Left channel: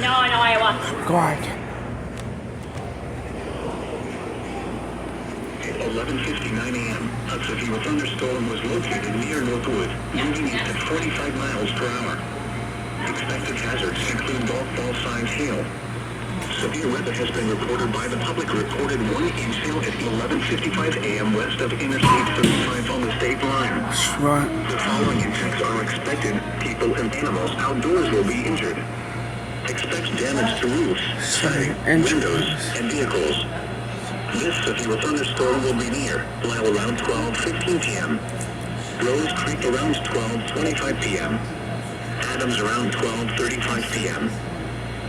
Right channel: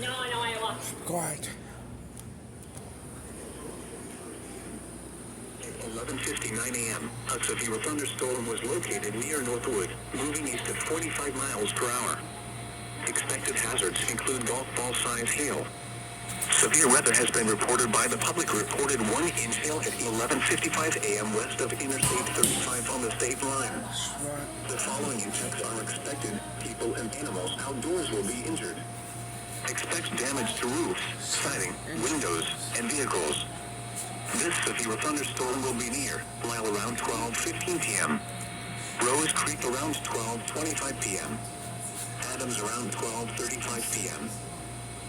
No, I know Iowa. God. 11:59 a.m. A severe thunderstorm was located near Northwood, moving east at 45 miles per hour. Expected hazards include golf ball size hail. Severe weather has been reported by the public. Reported 1-inch hail at 11:55 a.m. west of Interstate 35 on the state line. Right. The following impacts are expected. People and animals outdoors will be injured. Expect damage to roofs, siding, windows, and vehicles. This severe thunderstorm will be near Lyle around 12:15 p.m. Rose Creek around 12:25 p.m. Adams around 12:35 p.m.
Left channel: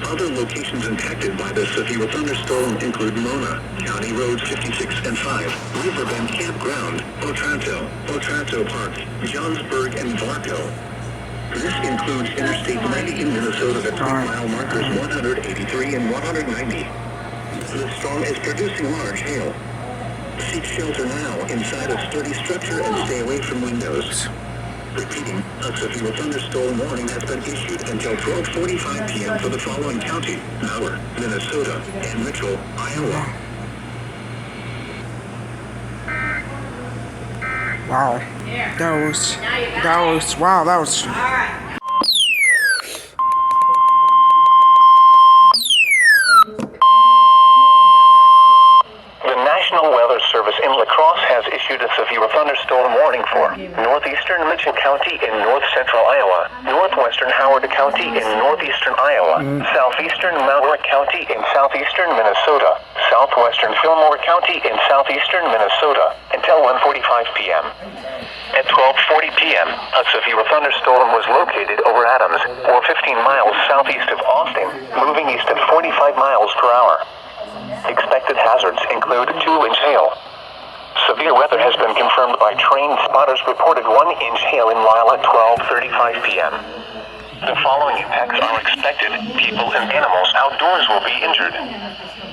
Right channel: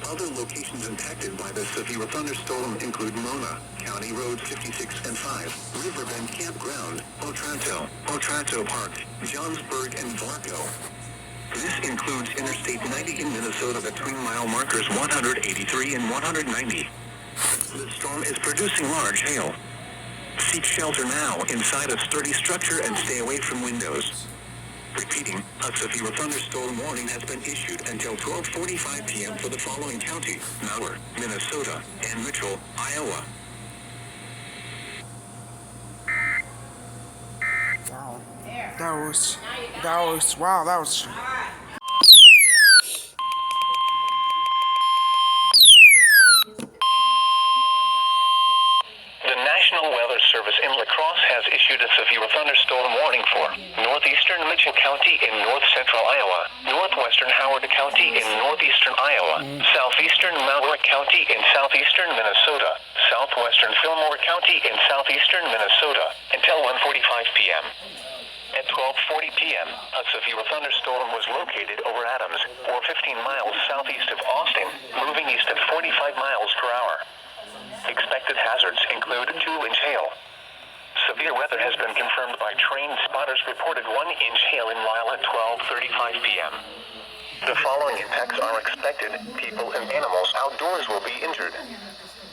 Other locations impacted by the severe thunderstorm include Mona, County Roads 56 and 5, Riverbend Campground, Otranto Park, Johnsburg, and Varco. This includes Interstate 90 in Minnesota at 3-mile markers 183 and 190. The storm is producing large hail. Seek shelter now inside a sturdy structure and stay away from windows. Repeating, a severe thunderstorm warning has been issued until 12:45 p.m. for the following counties: Malheur, Minnesota, and Mitchell, Iowa. Wow. That was. The National Weather Service in La Crosse has issued a severe thunderstorm warning for northeastern Mitchell County in north-central Iowa, northwestern Howard County in northeastern Iowa, southeastern Malheur County in southeastern Minnesota, southwestern Fillmore County in southeastern Minnesota, until 1:45 p.m. At 12:40 p.m., a severe thunderstorm was located over Adams, or 15 miles southeast of Austin, moving east at 45 miles per hour. Expected hazards include 2-inch hail. Severe weather has been confirmed by trained spotters. Reported 1-inch hail in Lyle at 12:35 p.m. The following impacts are expected. People and animals outdoors will be injured.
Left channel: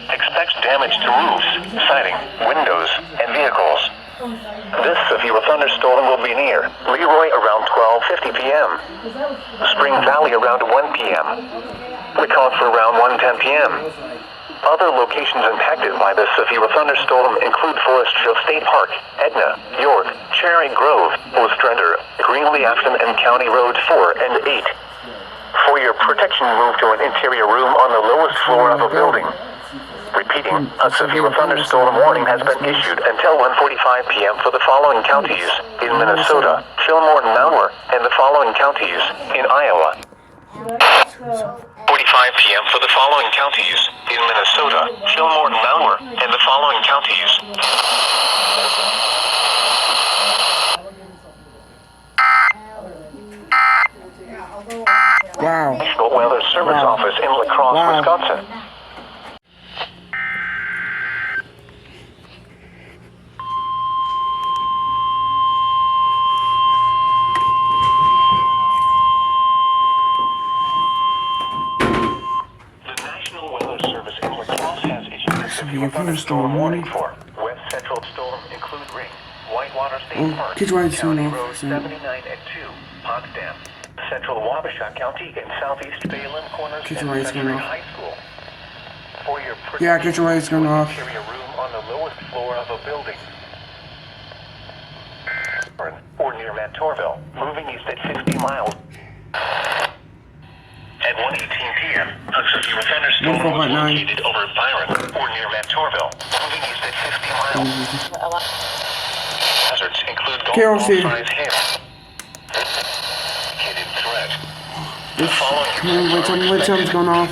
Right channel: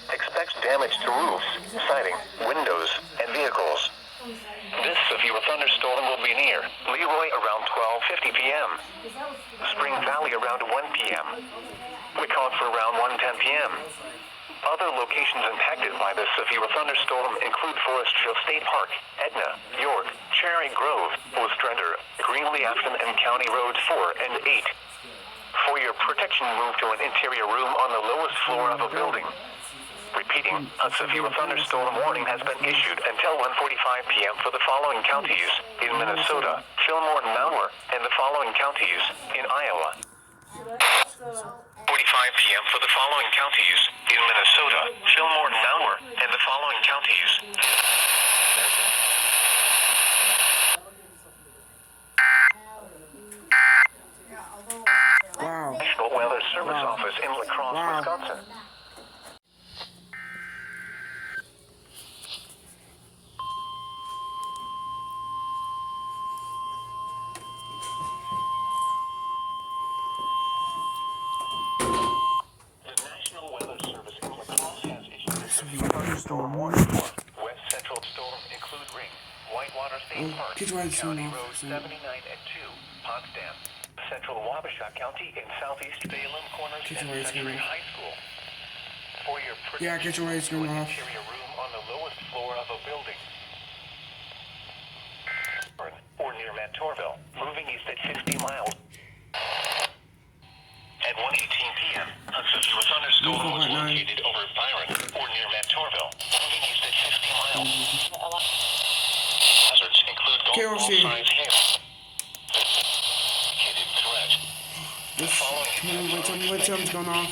Expect damage to roofs, siding, windows, and vehicles. This severe thunderstorm will be near Leroy around 12:50 p.m. Spring Valley around 1 p.m. Wecauffer around 1:10 p.m. Other locations impacted by this severe thunderstorm include Forest Hill State Park, Edna, York, Cherry Grove, Ostrander, Greenlee Afton, and County Roads 4 and 8. For your protection, move to an interior room on the lowest floor of a building. Repeating, a severe thunderstorm warning has been issued until 1:45 p.m. for the following counties in Minnesota, Fillmore and Malheur, and the following counties in Iowa. 45 p.m. for the following counties in Minnesota, Fillmore and Malheur, and the following counties. Wow. National Weather Service Office in La Crosse, Wisconsin. Thunderstorm warning for west central storm include Ring, Whitewater State Park, County Road 79 and 2, Potsdam, central Wabasha County, and southeast Salem Corners and Century High School. For your get your lights going off. Interior room on the lowest floor of a building. Or near Mantorville, moving east at 60 miles. At 1:18 p.m., a severe thunderstorm was located over Byron or near Mantorville, moving east at 50 miles. Hazards include golf ball size hail. Hidden threat. The following Which one's going off?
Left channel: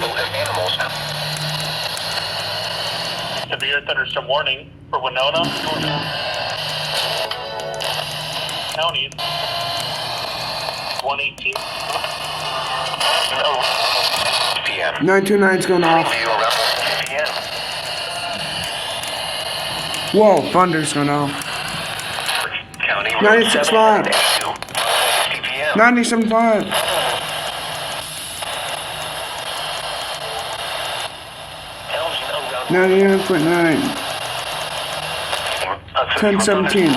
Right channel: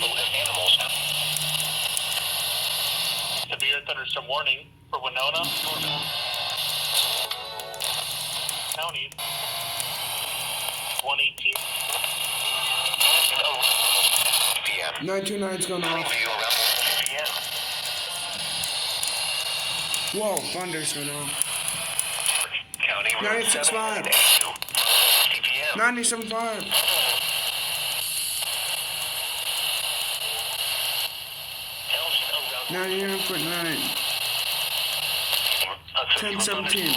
Severe thunderstorm warning for Winona County. 1:18. 929's going off. Whoa, thunder's going off. 96.5. 97.5. 99.9. 10:17.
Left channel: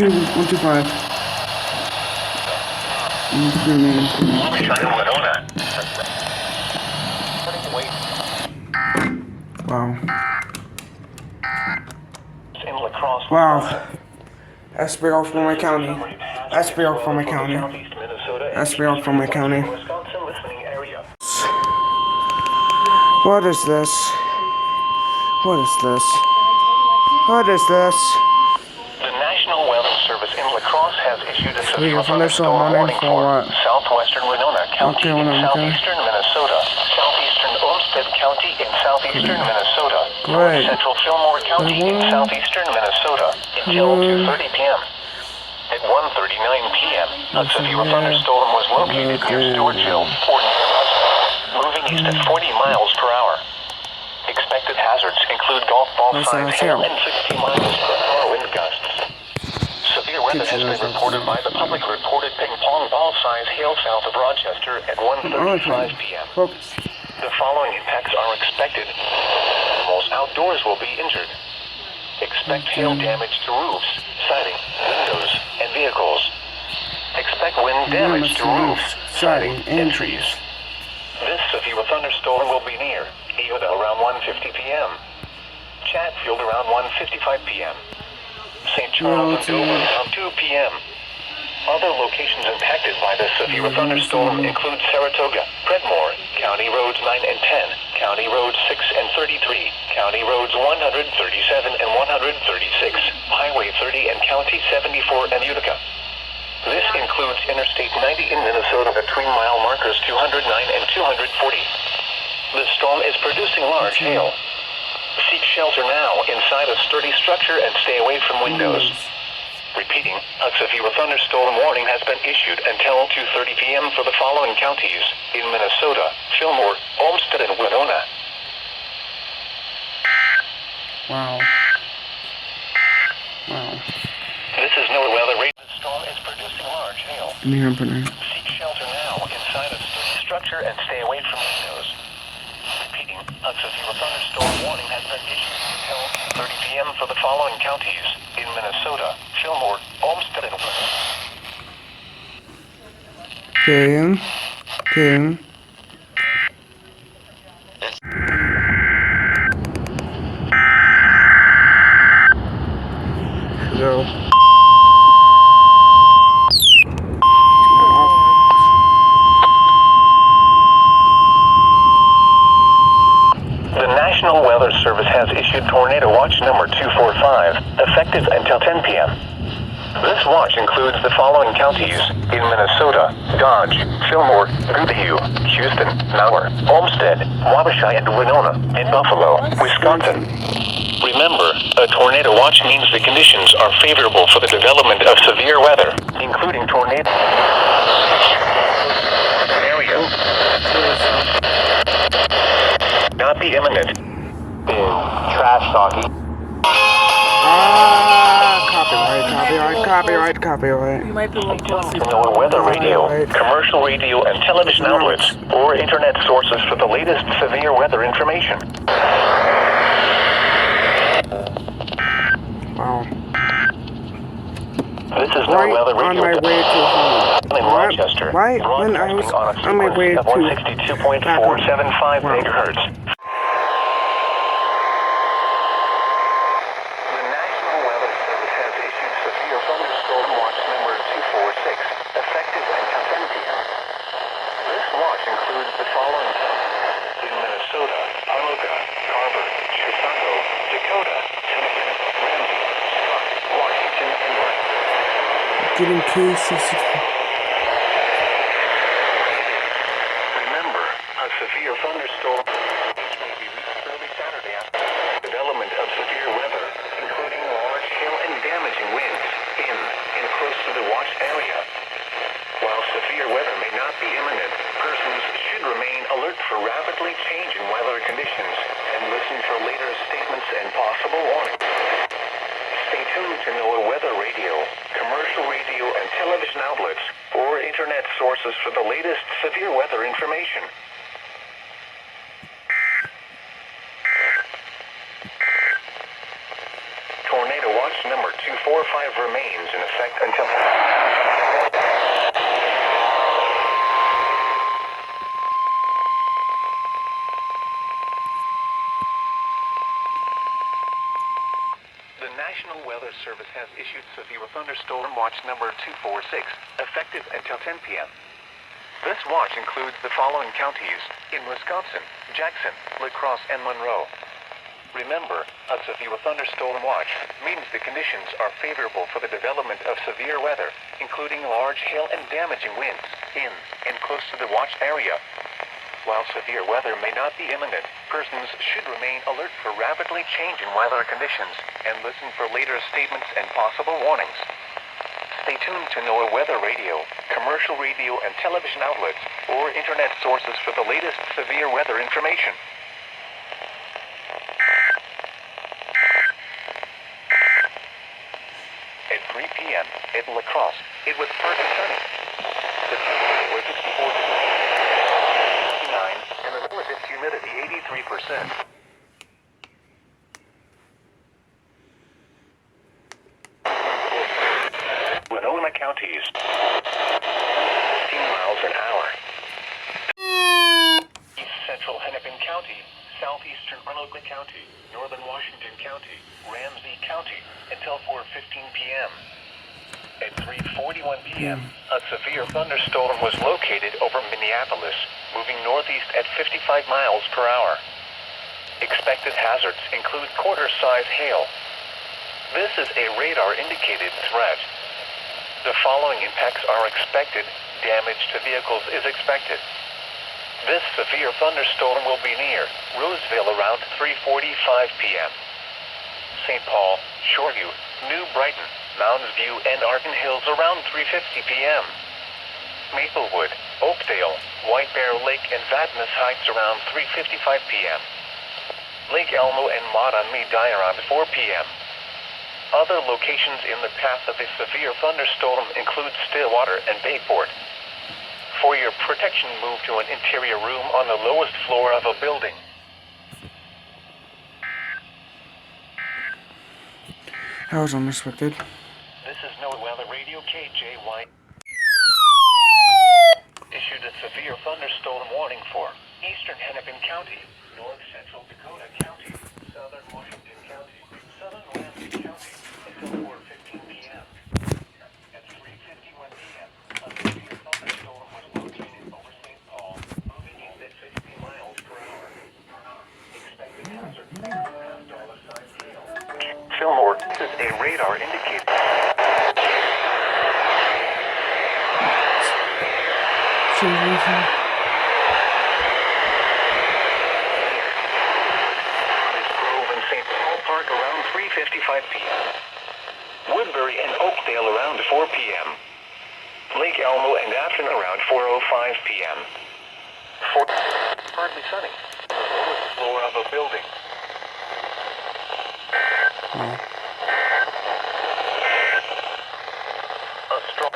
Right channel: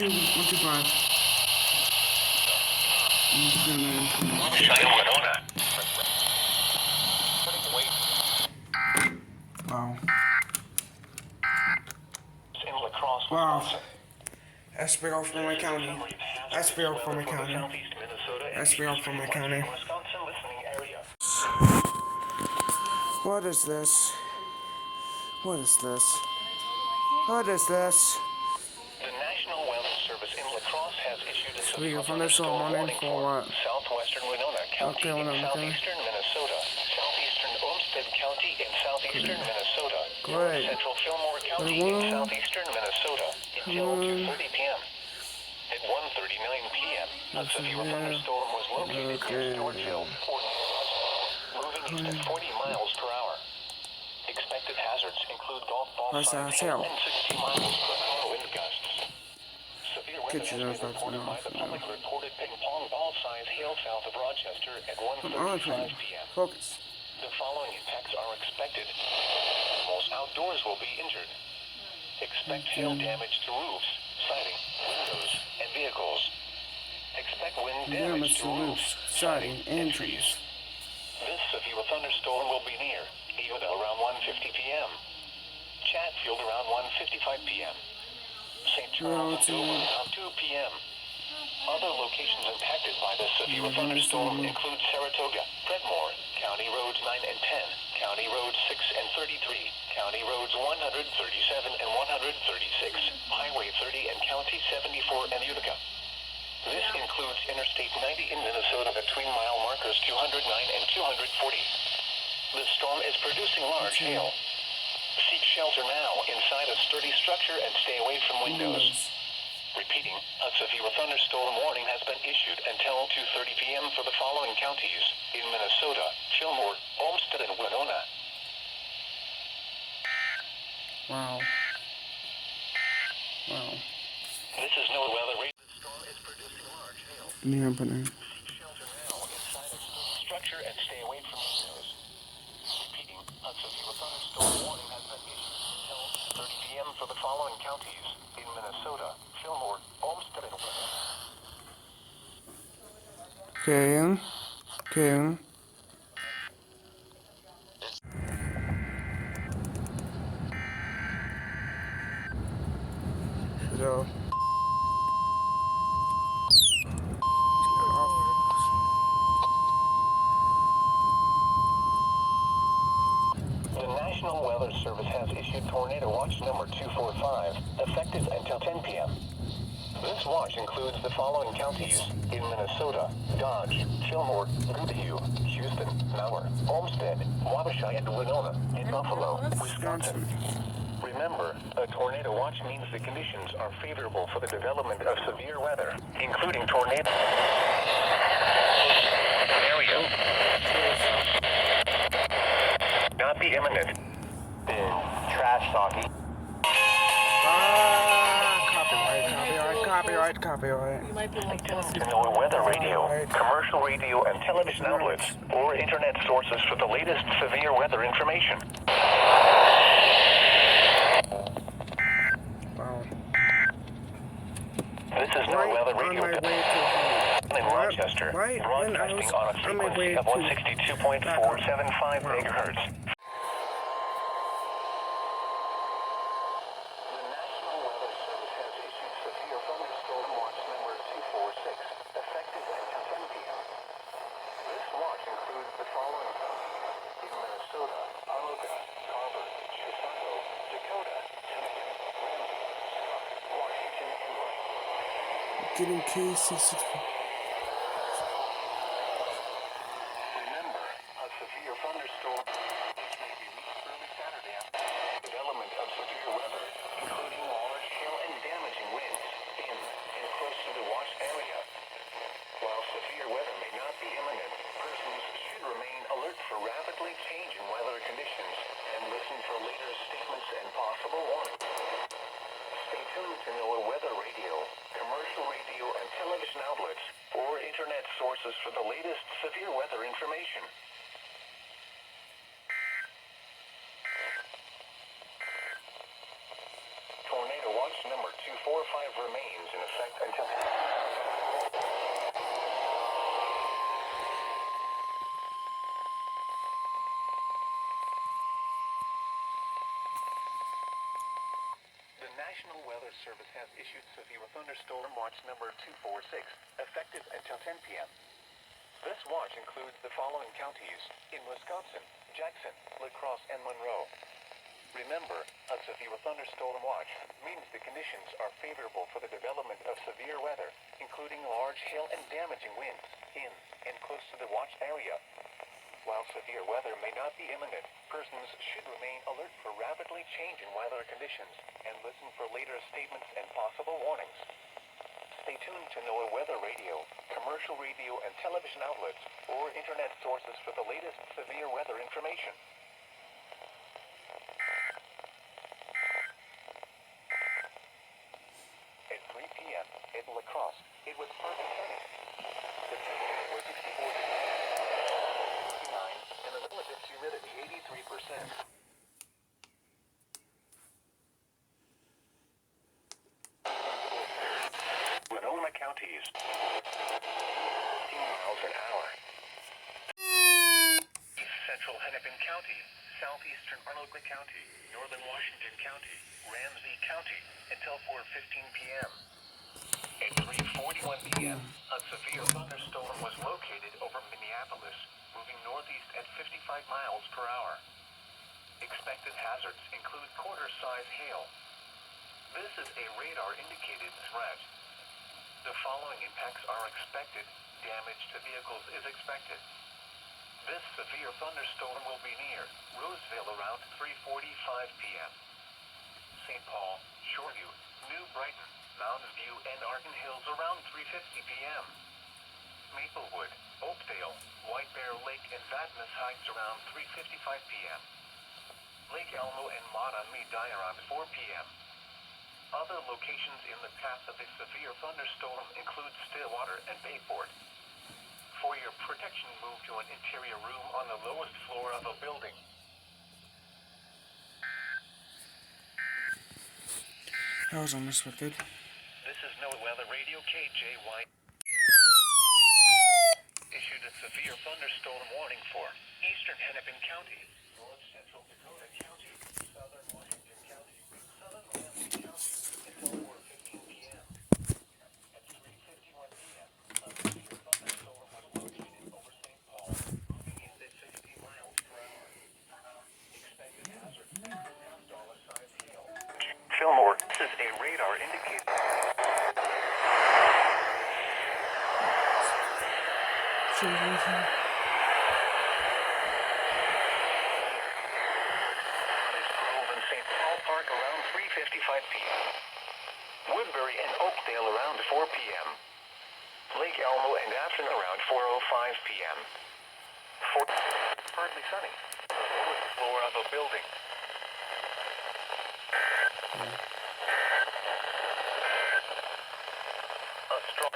125. Wow. In La Crosse, Wow. That's big off for my county. That's big off for my county. Southeast Minnesota, That's big off for my county. Wisconsin listening area. What is this? What is this? What is this? The National Weather Service in La Crosse has issued a We severe go from this one thunderstorm warning for for what? southwestern Winona County Okay, in okay. southeastern Minnesota, southeastern Olmsted County in southeastern Minnesota, Great. central Fillmore County in southeastern Minnesota until 2:30 p.m. At 1:39 p.m., a severe thunderstorm was located near Stewartville, or moving east at 40 miles per hour. Expected hazards include golf ball size hail and 60 miles per hour wind gusts. Severe weather has been reported by the public reported ping pong ball size hail south of Rochester at 1:35 p.m. Focus. The following impacts are expected. Most outdoors will be injured. Expect hail damage to roofs, siding, windows, and vehicles. Expect wind damage to roofs, siding, and trees. This severe thunderstorm will be near Yoda around 1:50 p.m. Chatfield around 1:55 p.m. St. Charles and Dover around 2 p.m. Other locations impacted by this severe thunderstorm include Saratoga, Predmore, County Roads 9 and 10, County Roads 6 and 33, County Roads 137 and 136, Highway 30 and County 74 and Utica. This includes Interstate 90 in Minnesota between mile markers 209 and 240. The storm is producing large hail. Seek shelter now inside a sturdy structure and stay away from windows. Repeating, a severe thunderstorm warning has been issued until 2:30 p.m. for the following counties in Minnesota: Fillmore, Olmsted, and Winona. Wow. Wow. This is NOAA weather radar. The storm is producing large hail. Seek shelter now inside a sturdy structure and stay away from windows. Repeating, a severe thunderstorm warning has been issued until 2:30 p.m. for the following counties in Minnesota: Fillmore, Olmsted, and Winona. Okay. Okay. Go. The National Weather Service has issued Tornado Watch number 245, effective until 10 p.m. This watch includes the following counties in Minnesota: Dodge, Fillmore, Goodhue, Houston, Malheur, Olmsted, Wabasha, and Winona, and Buffalo, Wisconsin. Remember, a tornado watch means the conditions are favorable for the development of severe weather, including tornado area. Not be imminent. Trash talking. Copyright. You might be a little closer. NOAA weather radio, commercial radio, and television outlets, or internet sources for the latest severe weather information. Wow. This is Right NOAA weather on radio. my way to home. In Rochester, Right when I was broadcasting on my way a to frequency of 162.475 Wow. megahertz. The National Weather Service has issued severe thunderstorm watch number 246, effective until 10 p.m. This watch includes the following counties in Minnesota: Arloga, Carver, Chicago, Dakota, Tennessee, Ramsey, Scott, Washington, and West. Getting KC60. Remember, a severe thunderstorm may be reached early Saturday after development of severe weather, including large hail and damaging winds in and close to the watched area. While severe weather may not be imminent, persons should remain alert for rapidly changing weather conditions and listen for later statements and possible warnings. Stay tuned to NOAA weather radio, commercial radio, and television outlets, or internet sources for the latest severe weather information. Tornado Watch number 246. 4-5 remains in effect until... The National Weather Service has issued severe thunderstorm watch number 246, effective until 10 p.m. This watch includes the following counties in Wisconsin: Jackson, La Crosse, and Monroe. Remember, a severe thunderstorm watch means the conditions are favorable for the development of severe weather, including large hail and damaging winds in and close to the watch area. While severe weather may not be imminent, persons should remain alert for rapidly changing weather conditions and listen for later statements and possible warnings. Stay tuned to NOAA Weather Radio, commercial radio and television outlets, or internet sources for the latest severe weather information. At 3 p.m. at La Crosse, it was partly sunny. The temperature was 64 degrees. And the relative humidity 83%. Winona counties, 15 miles an hour. East Central Hennepin County, Southeastern Arnold County, Northern Washington County, Ramsey County, until 4:15 p.m. At 3:41 p.m., a severe thunderstorm was located over Minneapolis, moving northeast at 55 miles per hour. Expected hazards include quarter-size hail. This is a radar-indicated threat. The following impacts are expected. Damage to vehicles is expected. This severe thunderstorm will be near Roseville around 3:45 p.m. St. Paul, Shoreview, New Brighton, Mounds View, and Arden Hills around 3:50 p.m. Maplewood, Oakdale, White Bear Lake, and Vadnais Heights around 3:55 p.m. Lake Elmo and Maud-on-Medai around 4 p.m. Other locations in the path of a severe thunderstorm include Stillwater and Bayport. For your protection, move to an interior room on the lowest floor of a building. That was unexpected. This is NOAA Weather Radio KJY. Issued a severe thunderstorm warning for Eastern Hennepin County, North Central Dakota County, Southern Washington County, Southern Ramsey County, until 4:15 p.m. At 3:51 p.m., a severe thunderstorm was located over St. Paul, moving east at 60 miles per hour. Expected hazards include dollar-sized hail. Fillmore, this is a radar indicator. Grove and St. Paul Park around 3:55 p.m. Woodbury and Oakdale around 4 p.m. Lake Elmo and Afton around 4:05 p.m. Partly sunny. The lowest floor of a building. A strong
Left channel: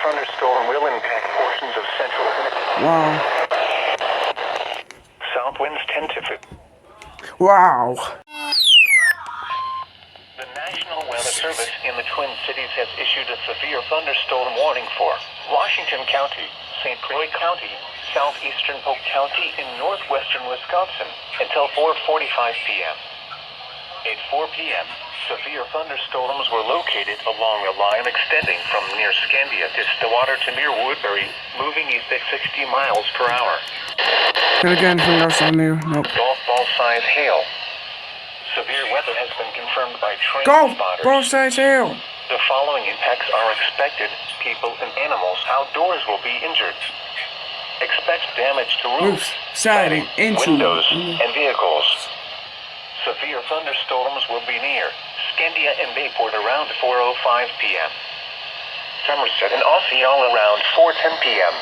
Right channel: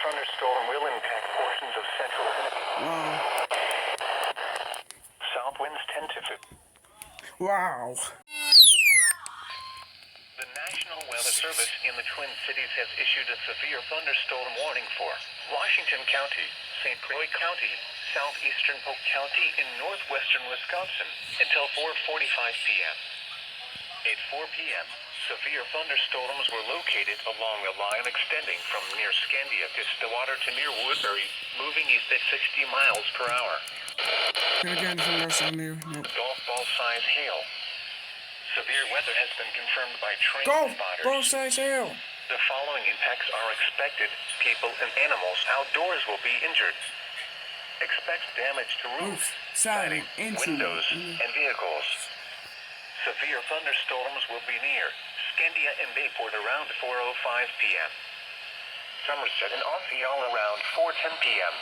thunderstorm will impact portions of central Hennepin. Wow. South winds 10 to 15. Wow. The National Weather Service in the Twin Cities has issued a severe thunderstorm warning for Washington County, St. Croix County, southeastern Polk County, in northwestern Wisconsin until 4:45 p.m. At 4 p.m., severe thunderstorms were located along a line extending from near Scandia to Stillwater to near Woodbury, moving east at 60 miles per hour. Then again, who else on there? Nope. Golf ball size hail. Severe weather has been confirmed by train Golf spotters. ball size hail. The following impacts are expected. People and animals outdoors will be injured. Expect damage to roofs, siding, windows, and vehicles. Severe thunderstorms will be near Scandia and Bayport around 4:05 p.m. Somerset and Osceola around 4:10 p.m.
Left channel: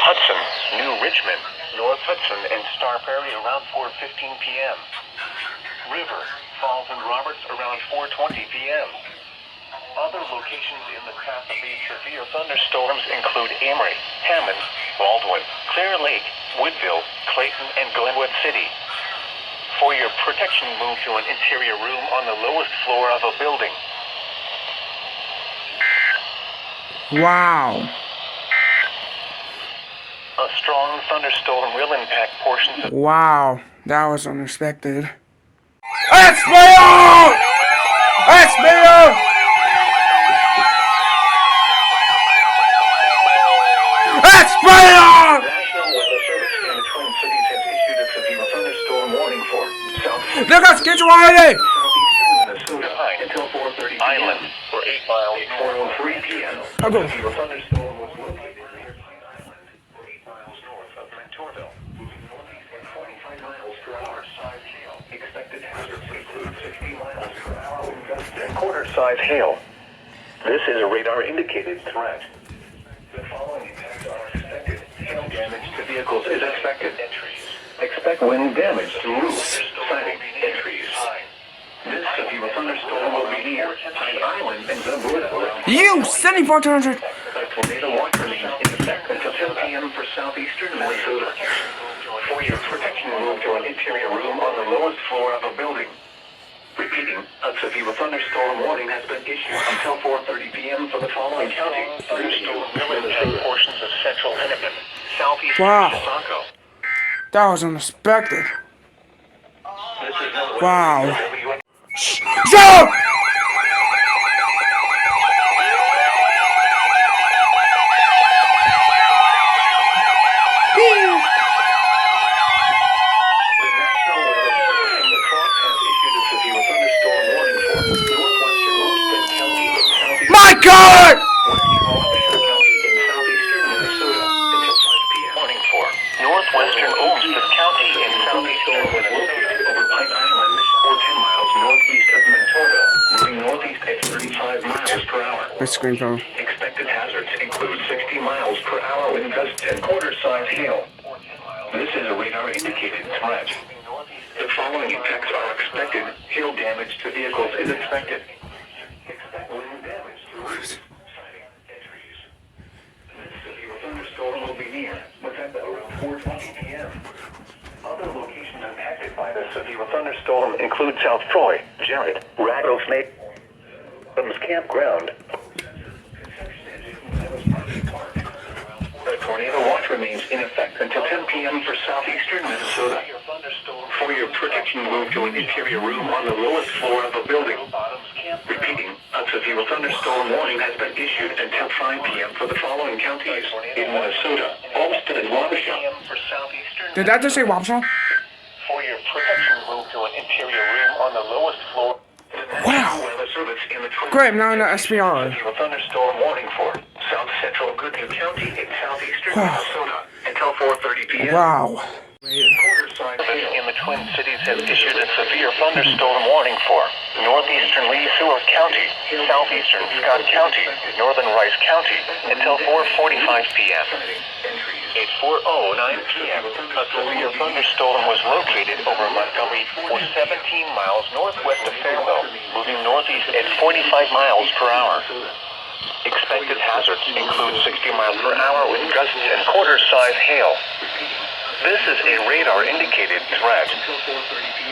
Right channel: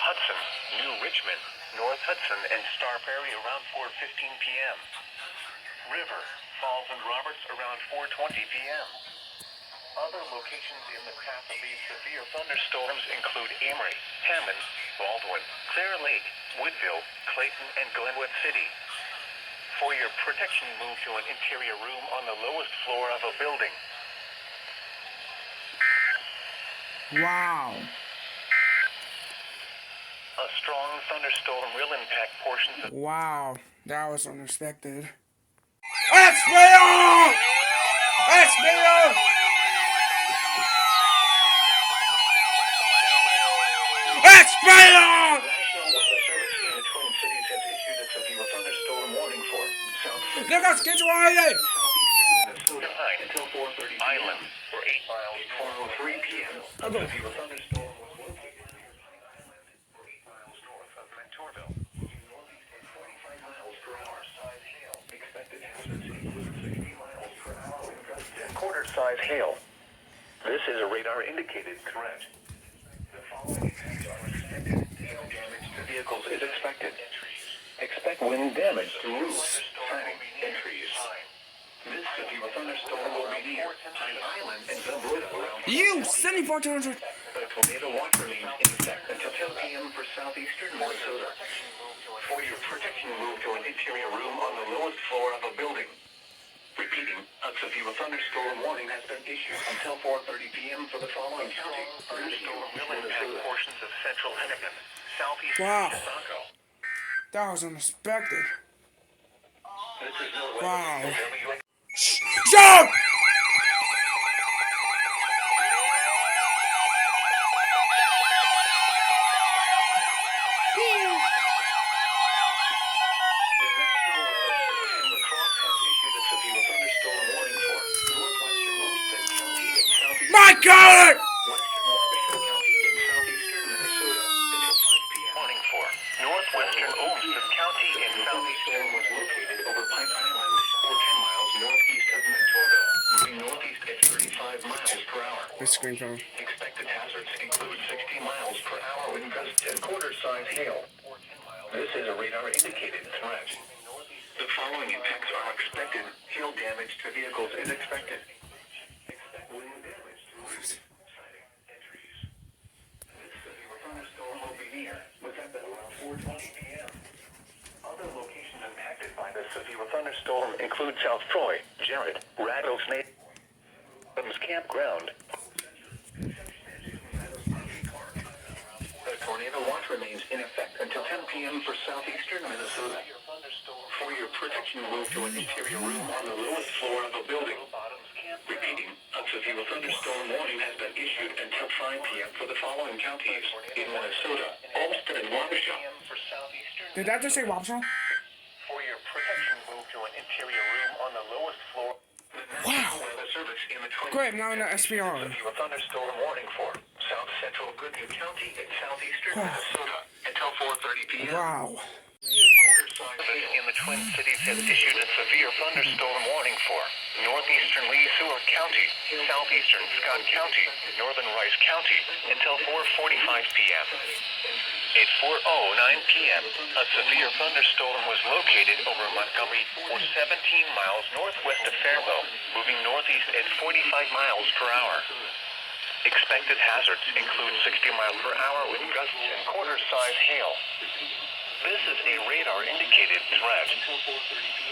Hudson, New Richmond, North Hudson, and Star Prairie around 4:15 p.m. River, Falls, and Roberts around 4:20 p.m. Other locations in the path of these severe thunderstorms include Amory, Hammond, Baldwin, Clear Lake, Woodville, Clayton, and Glenwood City. For your protection, move to an interior room on the lowest floor of a building. Wow. A strong thunderstorm will impact portions of Wow. That was unexpected. SBO! SBO! SBO! National Weather Service in the Twin Cities has issued a severe thunderstorm warning for southeastern Look at schedule already! Minnesota until 4:30 Island for 8 miles at 4:03 p.m. I'll go. A severe thunderstorm was located near 8 miles north of Mentorville. 45 miles per hour size hail. Expected hazards include 60 miles per hour wind gusts and quarter-size hail. This is a radar-indicated threat. The following events are expected. Hail damage to vehicles is expected. Expect wind damage to roofs, siding, and trees. This severe thunderstorm will be near Pine Island and Zamboula. You! 7400! A tornado watch remains in effect until 10 p.m. for southeastern Minnesota. For your protection, move to an interior room on the lowest floor of a building. Repeating, a severe thunderstorm warning has been issued until 4:30 p.m. for the following county. Thunderstorm will impact portions of central Hennepin, southeastern Wow. Chicago. That was unexpected. This is no Wow. Jump! My God! Northwestern Olmsted County in southeastern Minnesota over Pine Island or 10 miles northeast of Mentorville, moving northeast at 35 miles per hour. This screen phone. Expected hazards include 60 miles per hour wind gusts and quarter-size hail. This is a radar-indicated threat. The following effects are expected. Hail damage to vehicles is expected. Expect wind damage to roofs, siding, and trees. This severe thunderstorm will be near within around 4:20 p.m. Other locations impacted by the severe thunderstorm include South Troy, Jarrett, Rattlesnake, Campground. The tornado watch remains in effect until 10 p.m. for southeastern Minnesota. For your protection, move to an interior room on the lowest floor of a building. Repeating, a severe thunderstorm warning has been issued until 5 p.m. for the following counties in Minnesota, Olmsted and Wabasha. Did that just say Wabasha? For your protection, move to an interior room on the lowest floor. Wow. Great, now in the SPR. A thunderstorm warning for south central Goodyear County in southeastern Minnesota until 4:30 p.m. Wow. In the Twin Cities has issued a severe thunderstorm warning for northeastern Lee Seward County, southeastern Scott County, northern Rice County until 4:45 p.m. At 4:09 p.m., a severe thunderstorm was located over Montgomery or 17 miles northwest of Fairville, moving northeast at 45 miles per hour. Expected hazards include 60 miles per hour with gusts and quarter-size hail. This is a radar-indicated threat.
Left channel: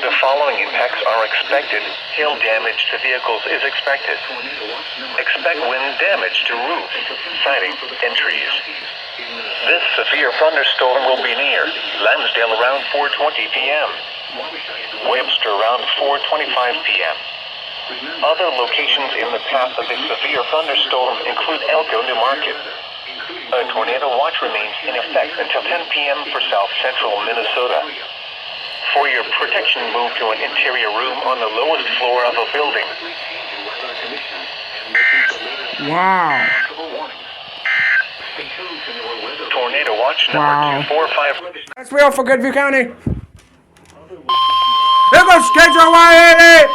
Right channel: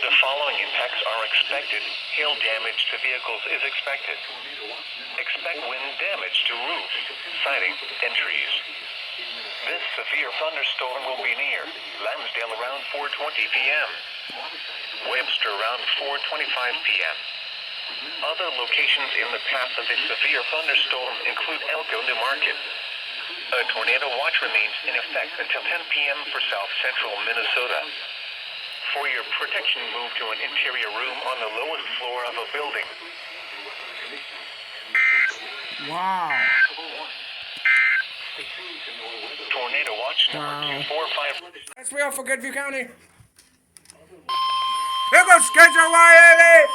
The following impacts are expected. Hail damage to vehicles is expected. Expect wind damage to roofs, siding, and trees. This severe thunderstorm will be near Lansdale around 4:20 p.m. Webster around 4:25 p.m. Other locations in the path of this severe thunderstorm include Elko, New Market. A tornado watch remains in effect until 10 p.m. for south central Minnesota. For your protection, move to an interior room on the lowest floor of a building. Wow. Tornado watch Wow. number 245. That's real for Goodview County. Here goes schedule 180!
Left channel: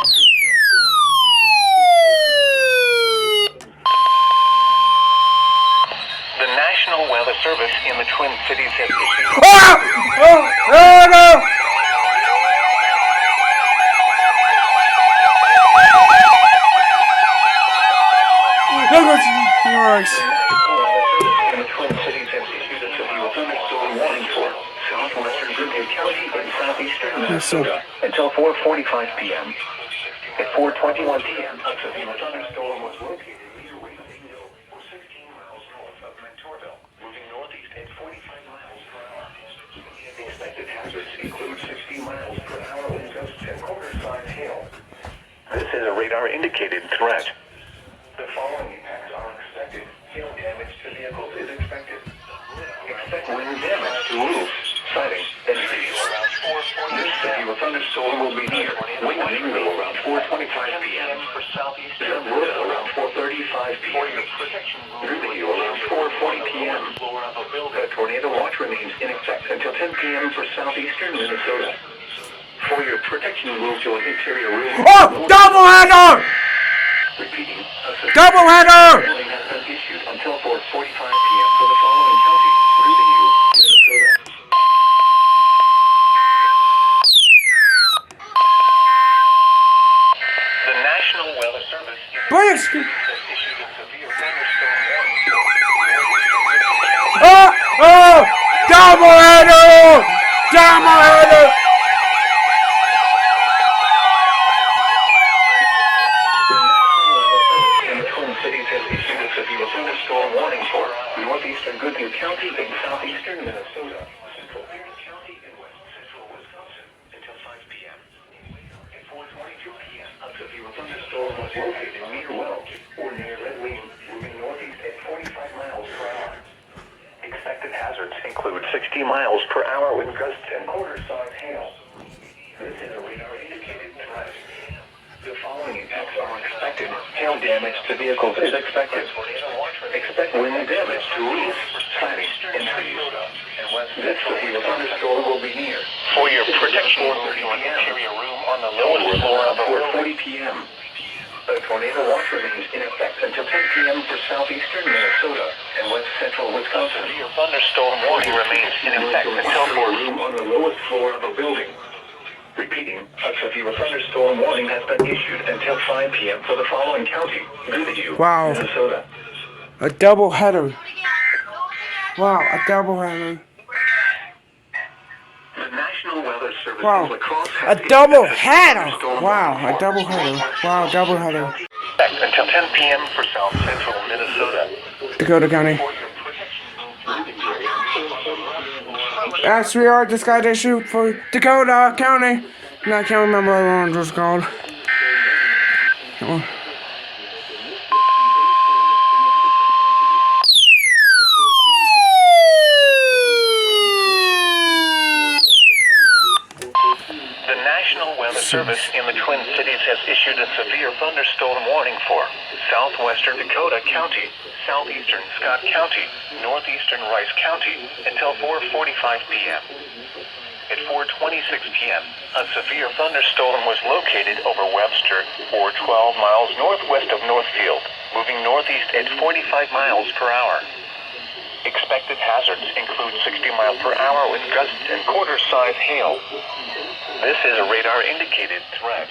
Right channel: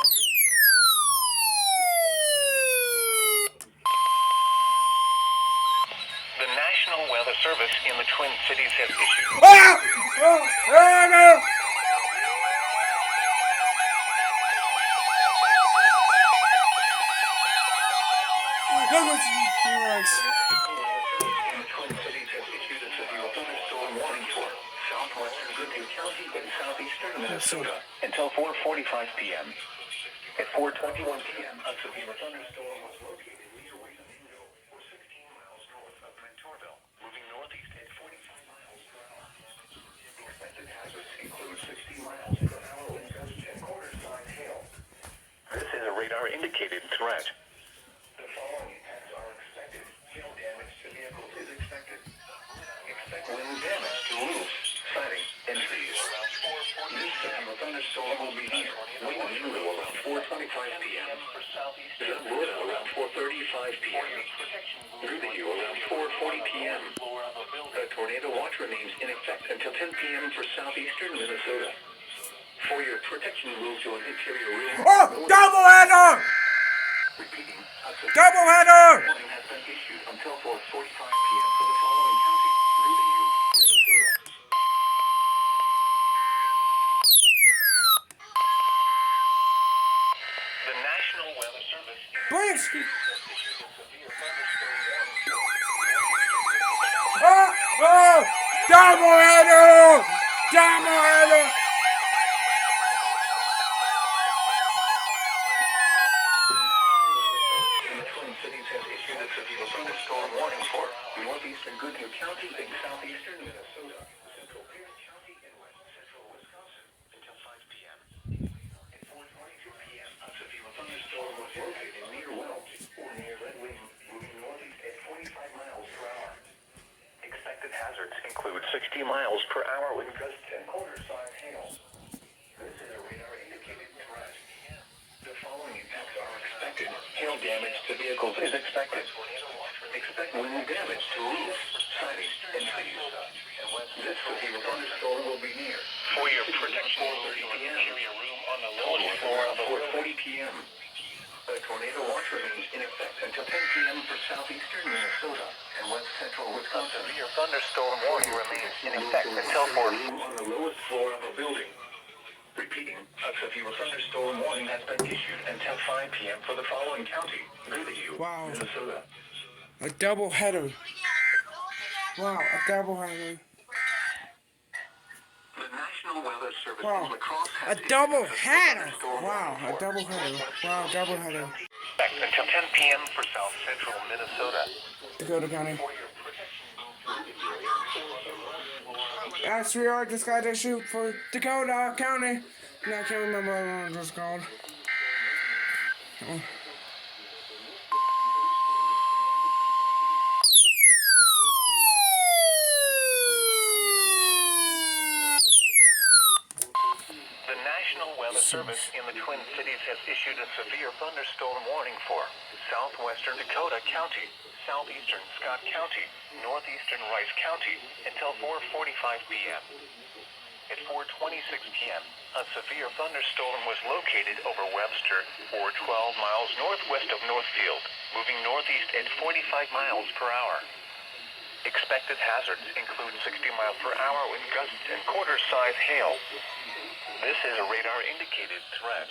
The National Weather Service in the Twin Cities has issued. Ah! Oh no! Look what's nice. In the Twin Cities has issued a severe thunderstorm warning for southwestern Goodyear County and southeastern Minnesota until 4:45 p.m. At 4:21 p.m., a severe thunderstorm was located near Raven Hill, 16 miles hazards include 60 miles per hour wind gusts and quarter-size hail. This is a radar-indicated threat. The following impacts are expected. Hail damage to vehicles is expected. Expect wind damage to roofs, siding, and trees. This severe thunderstorm will be near. Wind window around 4:25 p.m. for southeast. Road around 4:35 p.m. Video around 4:40 p.m. The tornado watch remains in effect until 10 p.m. for southeastern Minnesota. For your protection, move to an interior room. Oh! Double header! Repeating. Double header! Warning has been issued until 4:45 p.m. for the following county: Greenview, Minnesota. The National Weather Service Please! has issued a severe thunderstorm warning. Oh! Oh! Double header! Double header! The Twin Cities has issued a severe thunderstorm warning for northeastern Goodman County and southeastern Minnesota, central Pierce County and west central Wisconsin until 5 p.m. At 4:22 p.m., a severe thunderstorm was located near Welch or near Red Wing, moving northeast at 45 miles per hour. Expected hazards include 60 miles per hour wind gusts and quarter-size hail. This is a radar-indicated threat. The following impacts are expected. Hail damage to vehicles is expected. Expect wind damage to roofs, siding, and trees. This severe thunderstorm will be near. For your protection, move to an interior room on the lowest floor of the 4:40 p.m. A tornado watch remains in effect until 10 p.m. for southeastern Minnesota and west central Wisconsin. Your thunderstorm warning remains in effect until 4 room on the lowest floor of a building. Repeating, a severe thunderstorm warning has been issued until 5 p.m. for the following county: Greenview, Wow. Minnesota. A double header. Wow, a double header. The National Weather Service Wow. in La Crosse A has double issued header. thunderstorm Wow, warning a double header. Wow, double header. until 10 p.m. for south central Minnesota. Dakota County. Yes, we are. Just got issued for Dakota County. And I can't remember what one was called. Oh. The National Weather Service in the Twin Cities has issued a severe thunderstorm warning for southwestern Dakota County, southeastern Scott County, northeastern Rice County until 4:45 p.m. At 4:26 p.m., a severe thunderstorm was located over Webster or 12 miles northwest of Northfield, moving northeast at 45 miles per hour. Expected hazards include 60 mile per hour wind gusts and quarter-size hail. This is a radar-indicated threat.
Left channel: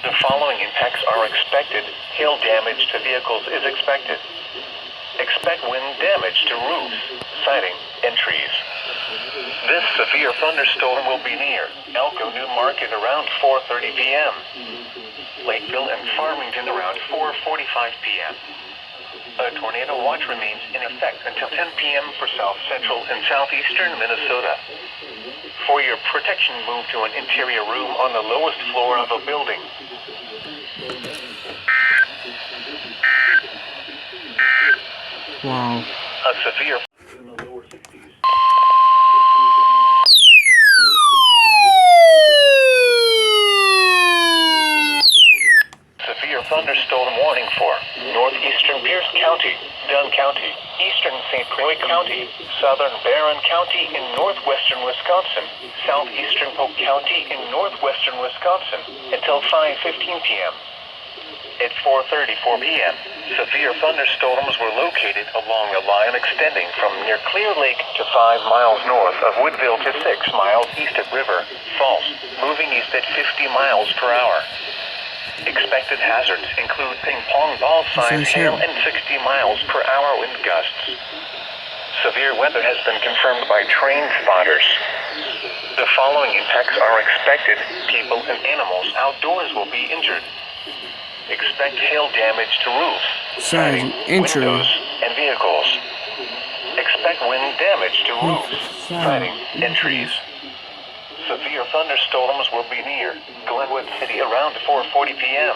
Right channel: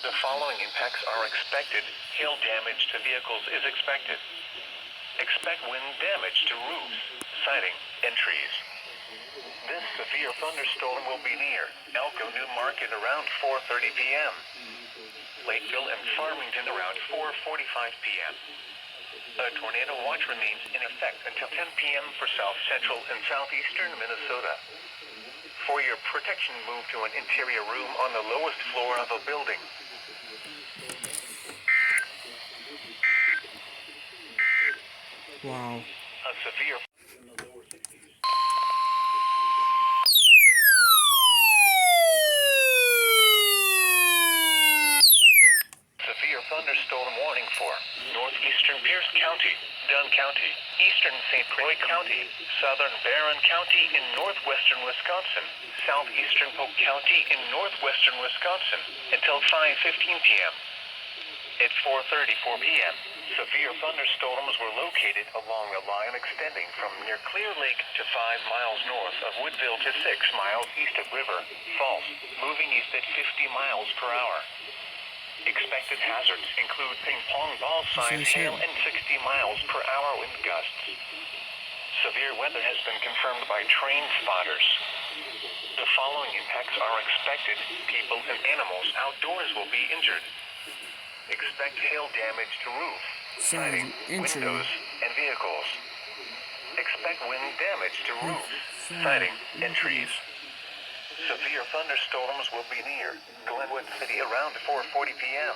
The following impacts are expected. Hail damage to vehicles is expected. Expect wind damage to roofs, siding, and trees. This severe thunderstorm will be near Elko New Market around 4:30 p.m. Lakeville and Farmington around 4:45 p.m. A tornado watch remains in effect until 10 p.m. for south central and southeastern Minnesota. For your protection, move to an interior room on the lowest floor of a building. Wow. A severe thunderstorm warning for northeastern Pierce County, Dunn County, eastern St. Croix County, southern Barron County in northwestern Wisconsin, southeastern Polk County in northwestern Wisconsin until 5:15 p.m. At 4:34 p.m., severe thunderstorms were located along a line extending from near Clear Lake to 5 miles north of Woodville to 6 miles east of River Falls, moving east at 50 miles per hour. Expected hazards include ping-pong ball-sized hail and 60 miles per hour wind gusts. Severe weather has been confirmed by trained spotters. The following impacts are expected. People and animals outdoors will be injured. Expect hail damage to roofs, siding, windows, and vehicles. Expect wind damage to roofs, siding, and trees. Severe thunderstorms will be near Glenwood City around 4:40 p.m.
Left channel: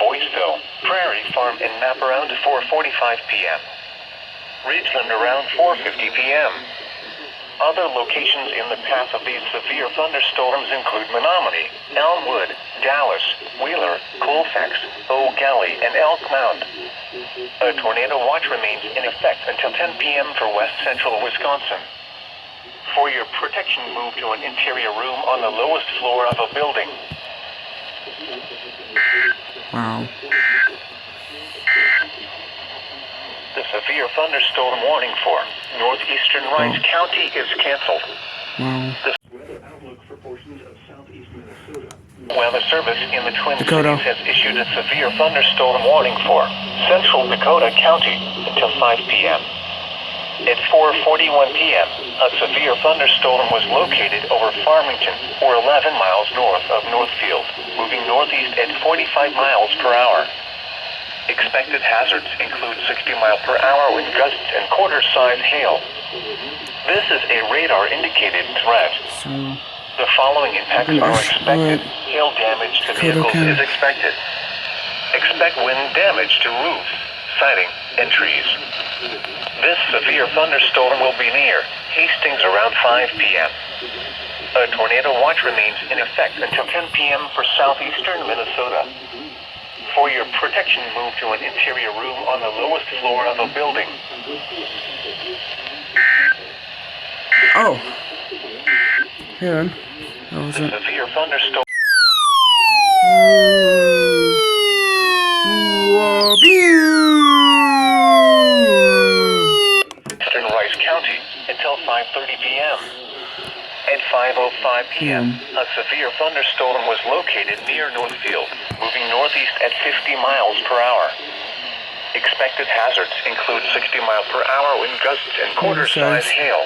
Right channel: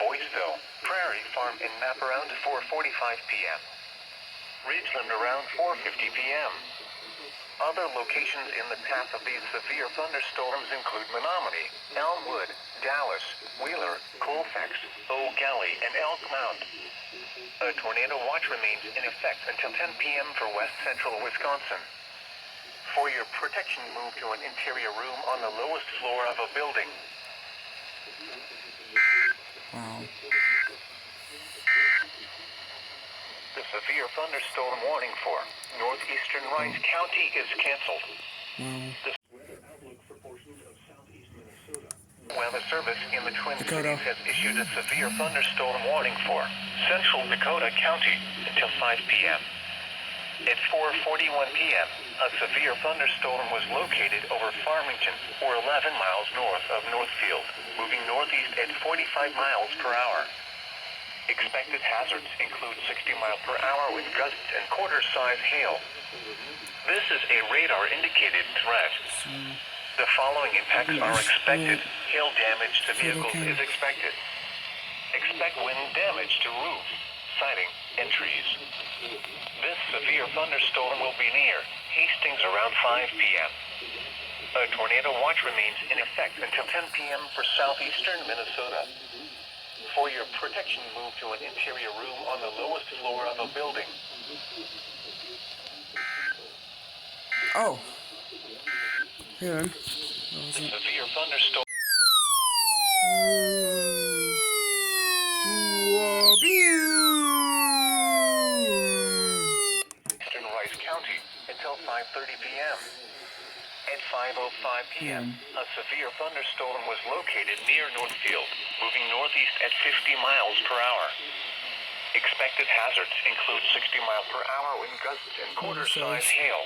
Boyceville, Prairie Farm, and Map around 4:45 p.m. Ridgeland around 4:50 p.m. Other locations in the path of these severe thunderstorms include Menominee, Elmwood, Dallas, Wheeler, Colfax, Eau Gallie, and Elk Mound. A tornado watch remains in effect until 10 p.m. for west central Wisconsin. For your protection, move to an interior room on the lowest floor of a building. Wow. The severe thunderstorm warning for northeastern Rice County is canceled. Wow. Weather outlook for portions of southeast Minnesota. Weather Service in the Twin Dakota Cities has issued a severe thunderstorm warning for central Dakota County until 5 p.m. At 4:41 p.m., a severe thunderstorm was located over Farmington, or 11 miles north of Northfield, moving northeast at 45 miles per hour. Expected hazards include 60-mile-per-hour wind gusts and quarter-size hail. This is a radar-indicated threat. So, The following impacts are expected. Hail damage to vehicles is expected. Expect wind damage to roofs, siding, and trees. This severe thunderstorm will be near Hastings around 5 p.m. A tornado watch remains in effect until 10 p.m. for southeastern Minnesota. For your protection, move to an interior room on the lowest floor of a building. oh. Hang on. That was it. Severe thunderstorm. Eastern Rice County until 5:30 p.m. At 5:05 p.m., a severe thunderstorm was located near Northfield, moving northeast at 50 miles per hour. Expected hazards include 60-mile-per-hour wind gusts and quarter-size hail.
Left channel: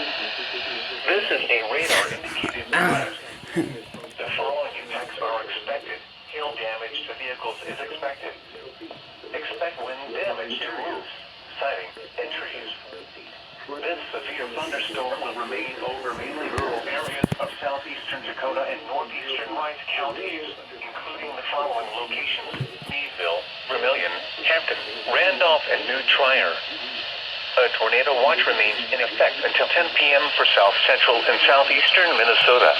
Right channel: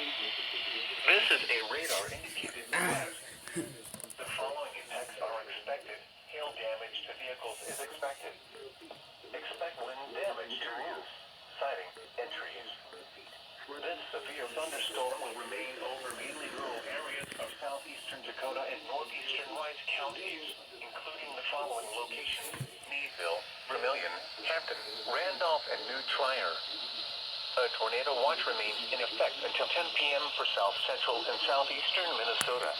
This is a radar-indicated threat. The following impacts are expected. Hail damage to vehicles is expected. Expect wind damage to roofs, siding, and trees. This severe thunderstorm will remain over mainly rural areas of southeastern Dakota and northeastern Rice counties, including the following locations: Meadville, Vermilion, Hampton, Randolph, and New Trier. A tornado watch remains in effect until 10 p.m. for south central and southeastern Minnesota.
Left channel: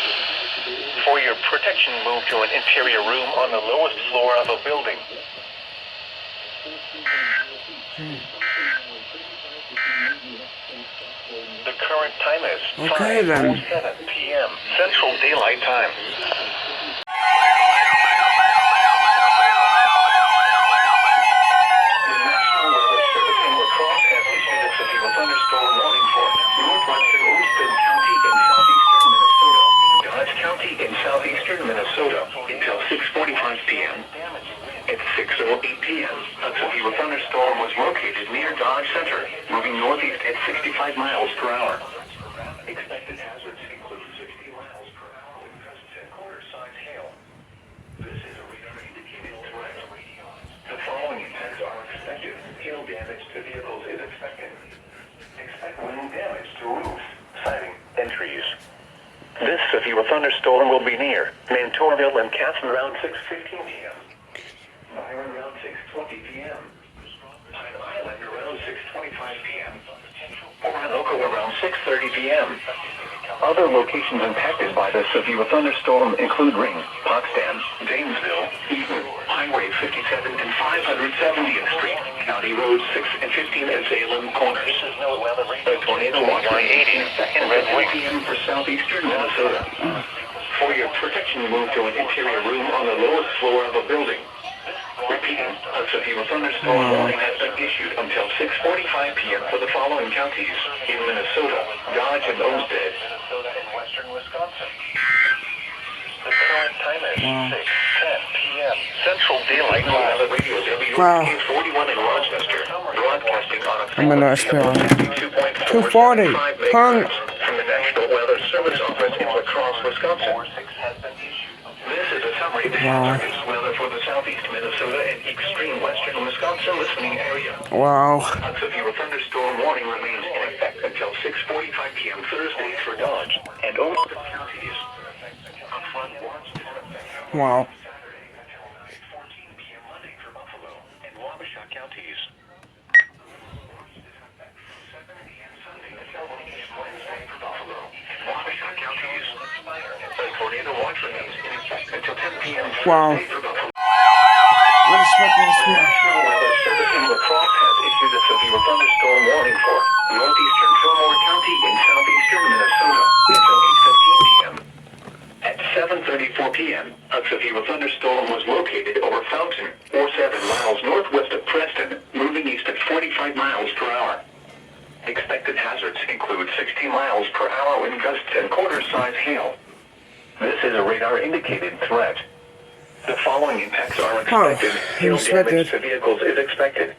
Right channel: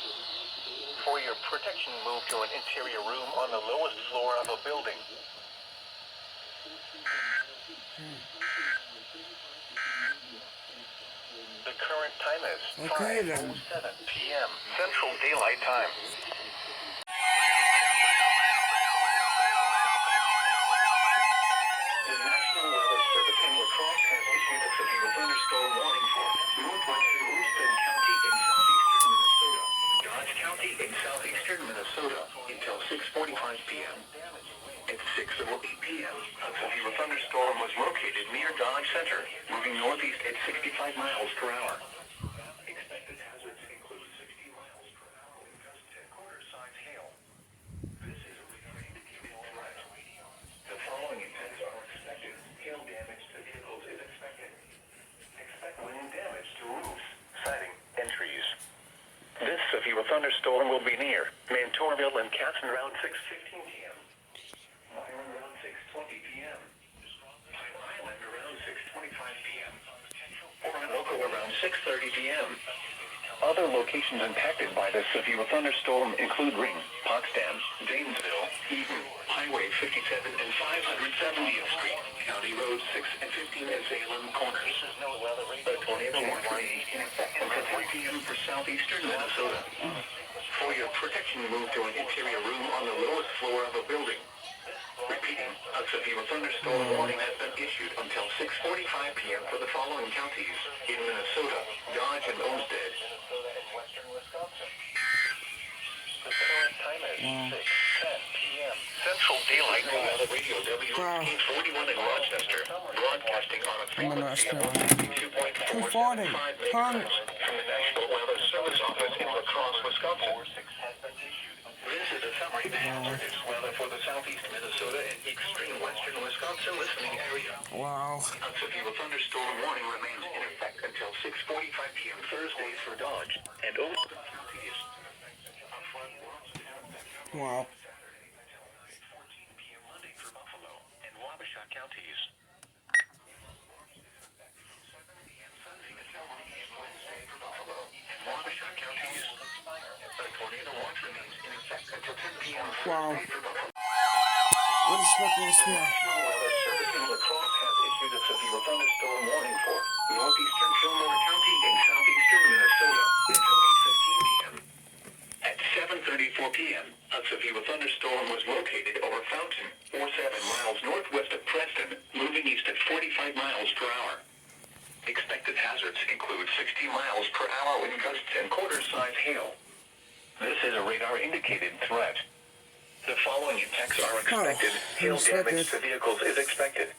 For your protection, move to an interior room on the lowest floor of a building. The current time is Okay, then. 5:07 p.m. Central Daylight Time. The National Weather Service in La Crosse has issued a severe thunderstorm warning for northwestern Olmsted County in southeastern Minnesota, Dodge County in southeastern Minnesota until 6:45 p.m. At 6:08 p.m., a severe thunderstorm was located near Dodge Center, moving northeast at 65 miles per hour. Expected hazards include 60 miles per hour with gusts and quarter-size hail. This is a radar-indicated threat. The following impacts are expected. Hail damage to vehicles is expected. Expect wind damage to roofs, siding, and trees. This severe thunderstorm will be near Mantorville and Casson around 6:15 p.m. Byron around 6:20 p.m. Pine Island around 6:25 p.m. Orinoco around 6:30 p.m. Other locations impacted by the severe thunderstorm include Ring, Potsdam, Janesville, Eaton, Highway 57 and 570th Street, County Roads 6 and 15 and Salem Corners. A tornado watch in Red p.m. for southeastern Minnesota. For your protection, move to an interior room on the lowest floor of a building. Repeating, a severe thunderstorm warning has been issued until 6:45 p.m. for the following counties in Minnesota, Dodge and Olmsted, Minnesota and western Wisconsin. The current time is 6:10 p.m. Central Daylight Time. The radio W41 in Rochester, broadcasting on a I'm gonna spell 240. from the National Weather Service office in La Crosse, Wisconsin. This is a summary of the hazardous weather for the southeast Minnesota and extreme western Wisconsin listening area. Wow. A severe thunderstorm warning remains in effect until 6:45 p.m. Thursday for Dodge and Olmsted counties. Wow. Wow. Unexpected speed. National Weather Service in La Crosse has issued a severe thunderstorm warning for northeastern Fillmore County in southeastern Minnesota until 8:15 p.m. At 7:34 p.m., a severe thunderstorm was located over Fountain, or 7 miles northwest of Preston, moving east at 45 miles per hour. Expected hazards include 60 miles per hour wind gusts and quarter-size hail. This is a radar-indicated threat. The following impacts are expected. Hail damage to vehicles is expected.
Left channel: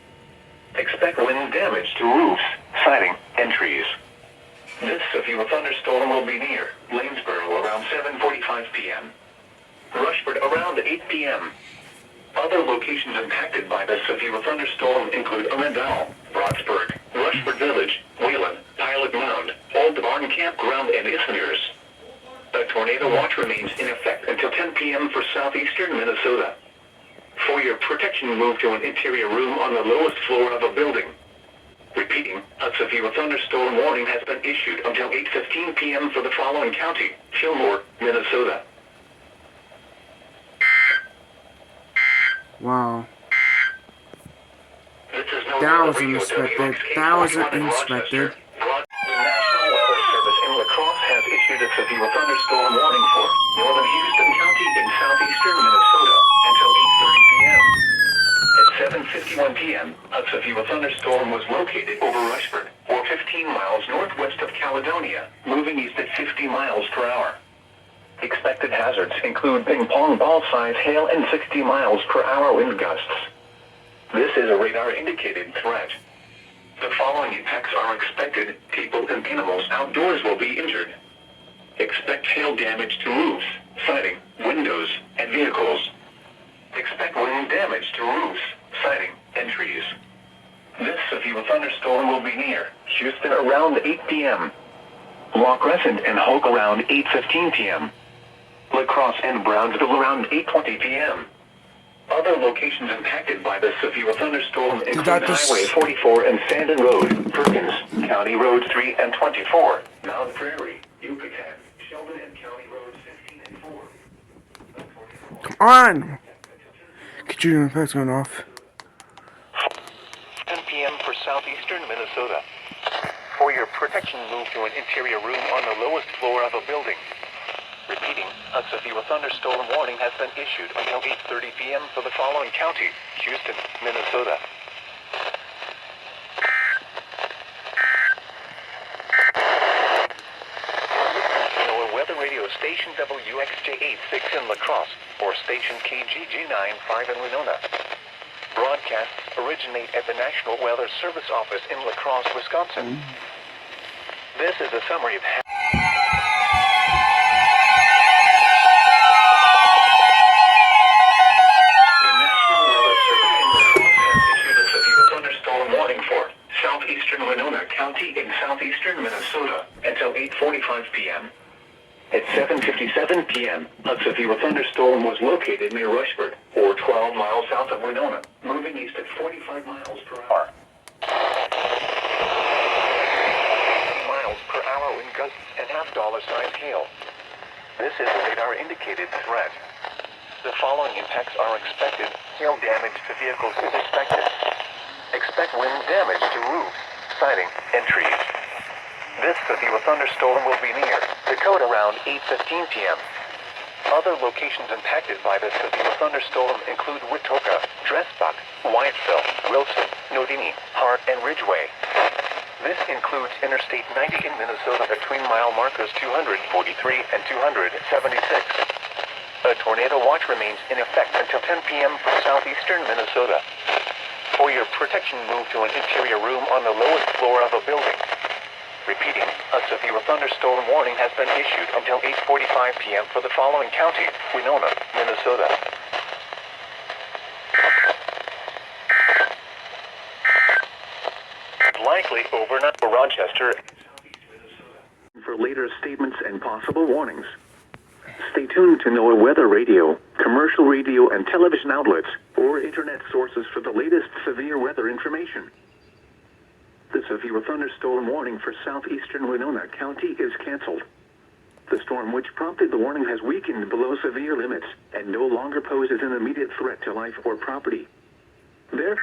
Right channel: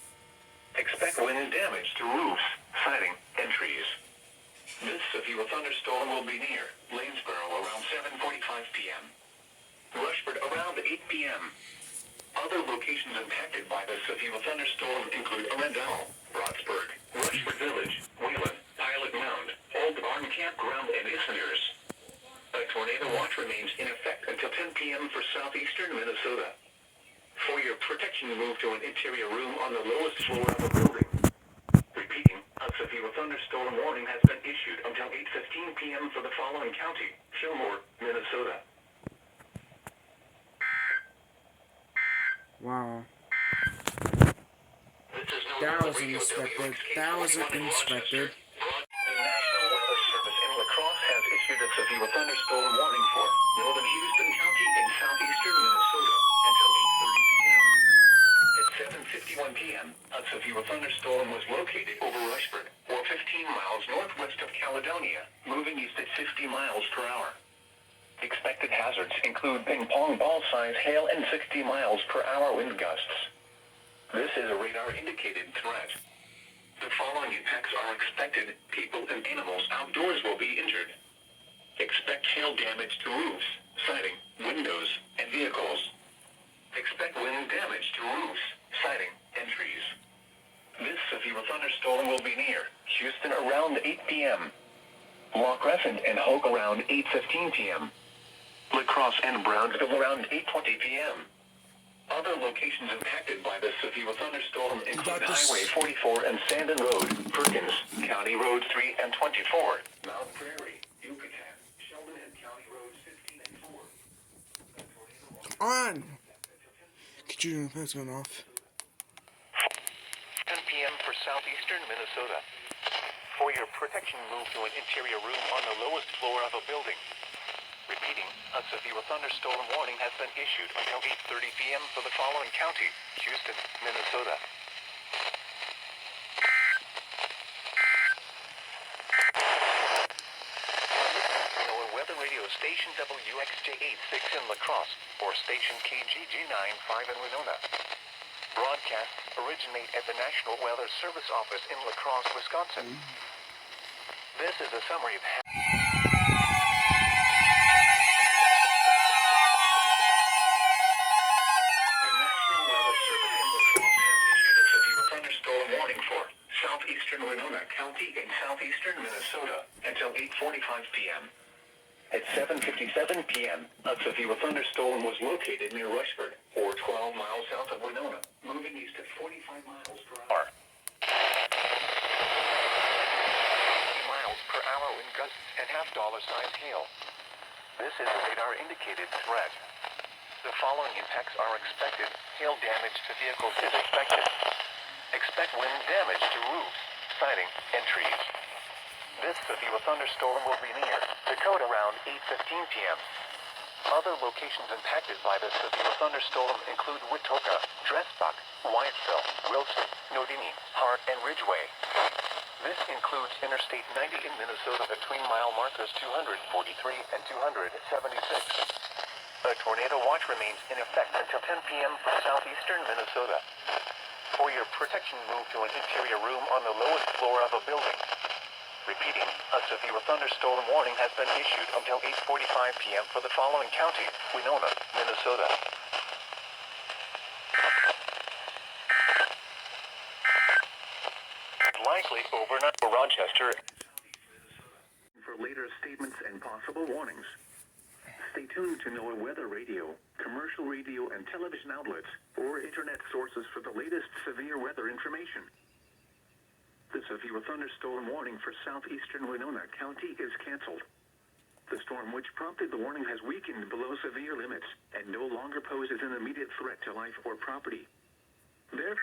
Expect wind damage to roofs, siding, and trees. This severe thunderstorm will be near Lanesboro around 7:45 p.m. Rushford around 8 p.m. Other locations impacted by the severe thunderstorm include Arundel, Roxburgh, Rushford Village, Wheelan, Pilot Mound, Old Barn Campground, and Ismers. A tornado watch remains in effect until 10 p.m. for southeastern Minnesota. For your protection, move to an interior room on the lowest floor of a building. Repeating, a severe thunderstorm warning has been issued until 8:15 p.m. for the following county: Fillmore, Minnesota. Wow. This is no That weather was radio unexpected. WXK That wasn't 41 in unexpected. Rochester. The National Weather Service in La Crosse has issued a severe thunderstorm warning for northern Houston County in southeastern Minnesota until 8:30 p.m. At 7:51 p.m., a severe thunderstorm was located over Rushford, or 15 miles northwest of Caledonia, moving east at 50 miles per hour. Expected hazards include ping-pong ball-size hail and 60 miles per hour wind gusts. This is a radar-indicated threat. The following impacts are expected. People and animals outdoors will be injured. Expect hail damage to roofs, siding, windows, and vehicles. Expect wind damage to roofs, siding, and trees. This severe thunderstorm will be near Houston around 8 p.m. La Crescent and Hoke around 8:15 p.m. La Crosse and Brownsville around 8:20 p.m. Other locations impacted by the severe thunderstorm include Highway 44 and Sandon Road, Perkins, County Road 3 and 24, Mount Prairie, Yucatan, Sheldon, and County Road 15 and 4. Come on! Get your impacts going off. 10 p.m. for southeastern Minnesota. For your protection, move to an interior room on the lowest floor of a building. Repeating, a severe thunderstorm warning has been issued until 8:30 p.m. for the following county: Houston, Minnesota. NOAA Weather Radio Station WXJ86 in La Crosse, or Station KGG95 in Winona. Broadcasts originate at the National Weather Service office in La Crosse, Wisconsin. This is a summary of southeastern Winona County in southeastern Minnesota until 8:45 p.m. At 7:57 p.m., a severe thunderstorm was located near Rushford, or 12 miles south of Winona, moving east at 45 miles per hour. 50 miles per hour wind gusts and half-dollar-sized hail. This is a radar-indicated threat. The following impacts are expected. Hail damage to vehicles is expected. Expect wind damage to roofs, siding, and trees. This severe thunderstorm will be near Dakota around 8:15 p.m. Other locations impacted by this severe thunderstorm include Witoka, Dressbuck, Whiteville, Wilson, Nodini, Hart, and Ridgeway. This includes Interstate 90 in Minnesota between mile markers 243 and 276. A tornado watch remains in effect until 10 p.m. for southeastern Minnesota. For your protection, move to an interior room on the lowest floor of a building. Repeating, a severe thunderstorm warning has been issued until 8:45 p.m. for the following county: Winona, Minnesota. Likely overnight for Rochester. For later statements and possible warnings, stay tuned to NOAA Weather Radio. commercial radio and television outlets, or internet sources for the latest severe weather information. The severe thunderstorm warning for southeastern Winona County is canceled. The storm which prompted the warning has weakened below severe limits and no longer poses an immediate threat to life or property. Therefore,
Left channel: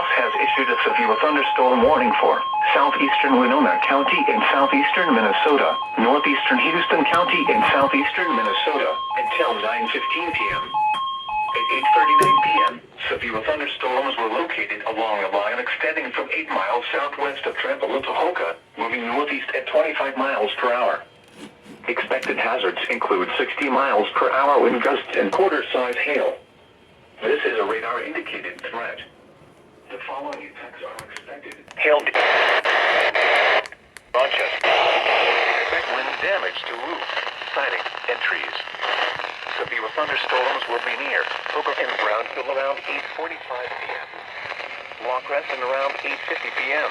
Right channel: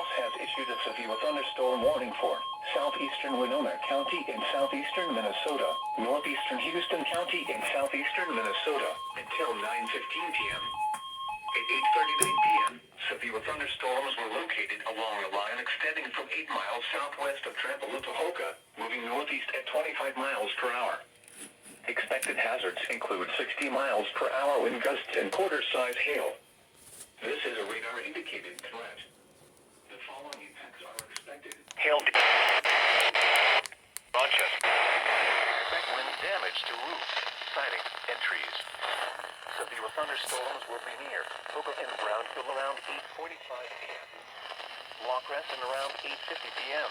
has issued a severe thunderstorm warning for southeastern Winona County in southeastern Minnesota, northeastern Houston County in southeastern Minnesota until 9:15 p.m. At 8:39 p.m., severe thunderstorms were located along a line extending from 8 miles southwest of Trampalotohoka, moving northeast at 25 miles per hour. Expected hazards include 60 miles per hour wind gusts and quarter-size hail. This is a radar-indicated threat. The following effects are expected. Hail. Rochester. Expect wind damage to roofs, siding, and trees. Severe thunderstorms will be near Hooker and Brownsville around 8:45 p.m. La Crescent around 8:50 p.m.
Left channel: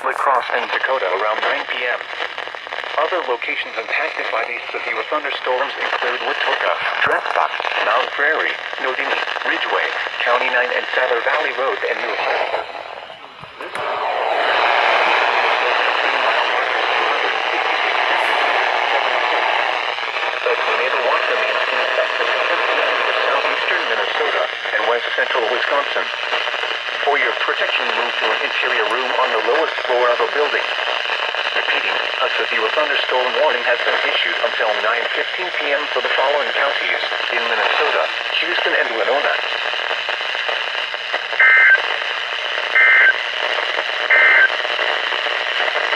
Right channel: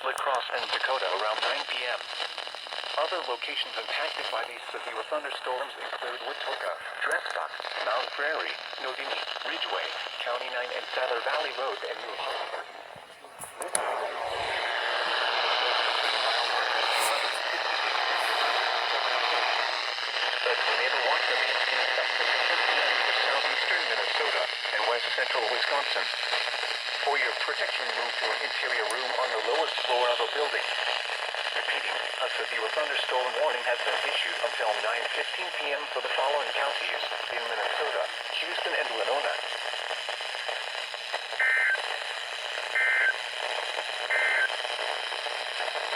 La Crosse and Dakota around 9 p.m. Other locations impacted by these severe thunderstorms include Wautoka, Dresbach, Mount Prairie, Nodini, Ridgeway, County 9 and Sather Valley Road, and New Hampshire. The tornado watch remains in effect for southeastern Minnesota and west central Wisconsin. For your protection, move to an interior room on the lowest floor of a building. Repeating, a severe thunderstorm warning has been issued until 9:15 p.m. for the following counties in Minnesota, Houston, and Winona.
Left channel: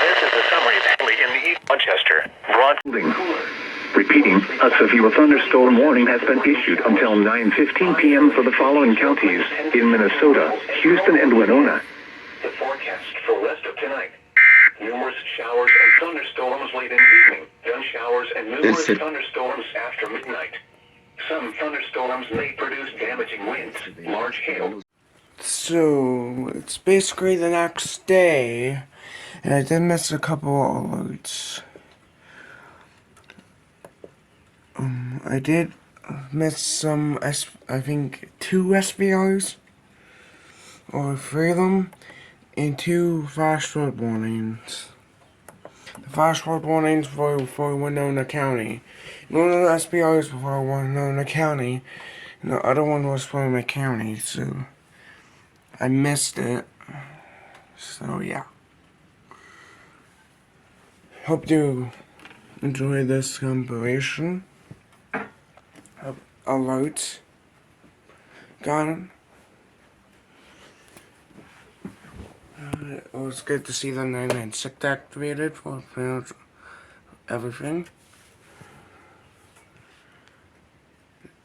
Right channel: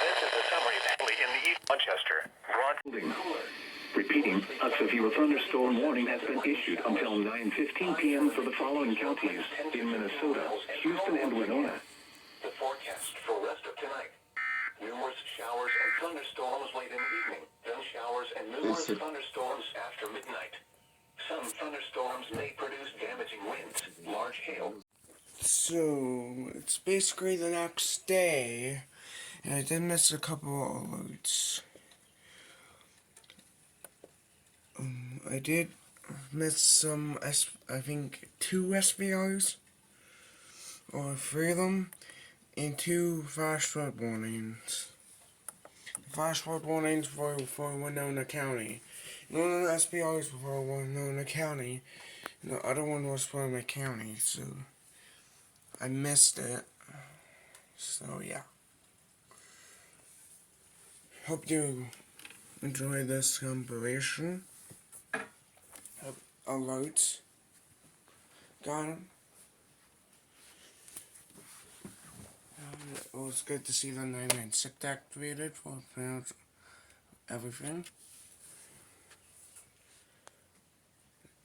This is a summary of in the East Rochester, Repeating, a severe thunderstorm warning has been issued until 9:15 p.m. for the following counties in Minnesota, Houston, and Winona. The forecast for the rest of tonight. Numerous showers and thunderstorms late in the evening, then showers and numerous thunderstorms after midnight. Some thunderstorms may produce damaging winds, large hail. So, it's basically the next day, and I did miss a couple alerts. I did miss some, I think 2 SBRs, or 3 of them, and 2 flash flood warnings. The flash flood warnings for Winona County. One of the SBRs for Winona County, and the other one was for my county, so I missed it. So yeah. Hope you enjoy this compilation of alerts. Got it. It was good to see the 996 activated for everything.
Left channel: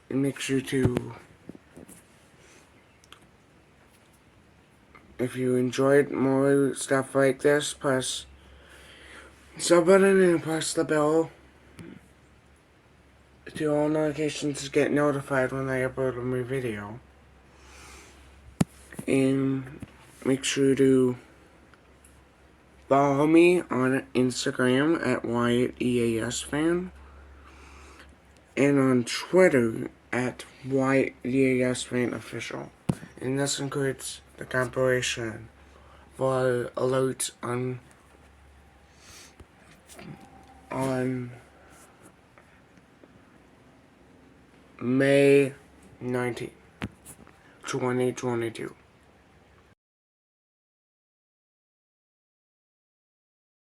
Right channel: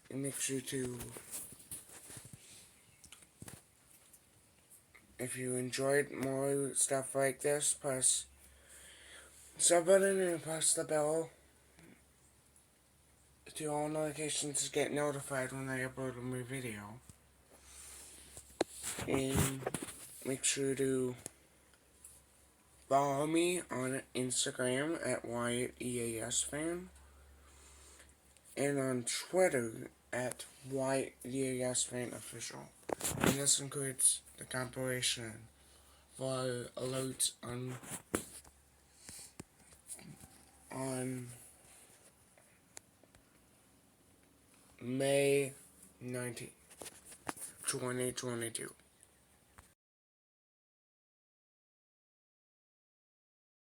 And make sure to, if you enjoyed more stuff like this, press sub button and press the bell to all notifications to get notified when I upload a new video. And make sure to follow me on Instagram at WyattEASFan and on Twitter at WyattEASFanOfficial. And this includes the compilation for alerts on May 19th, 2022.